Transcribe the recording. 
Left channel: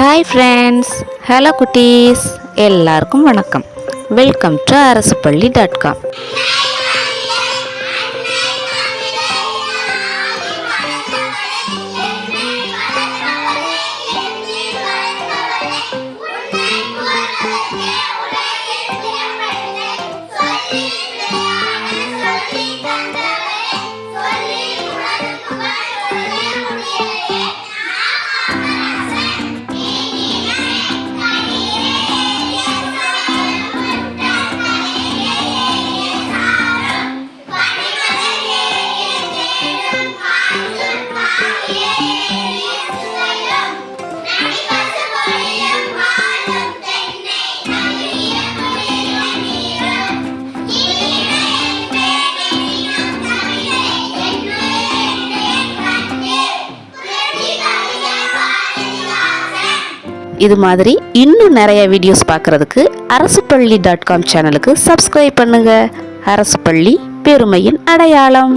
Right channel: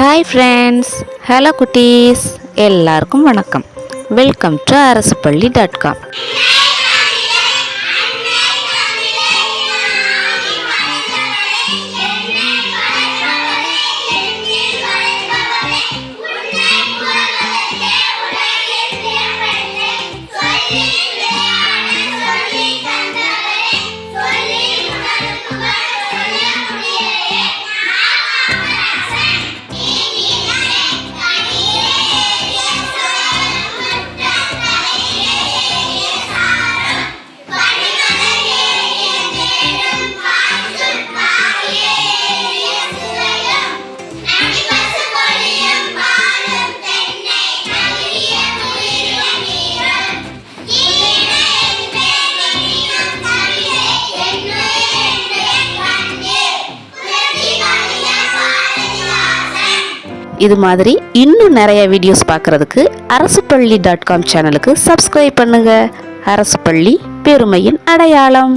Hi friends, hello குட்டீஸ், எல்லாருக்கும் வணக்கம். வெல்கம் டு அரசுப்பள்ளி.com. இது மாதிரி இன்னும் நிறைய வீடியோஸ் பார்க்குறதுக்கு அரசுப்பள்ளி.com சேனலுக்கு சப்ஸ்கிரைப் பண்ணுங்க. அரசுப்பள்ளி பெருமையின் அடையாளம்.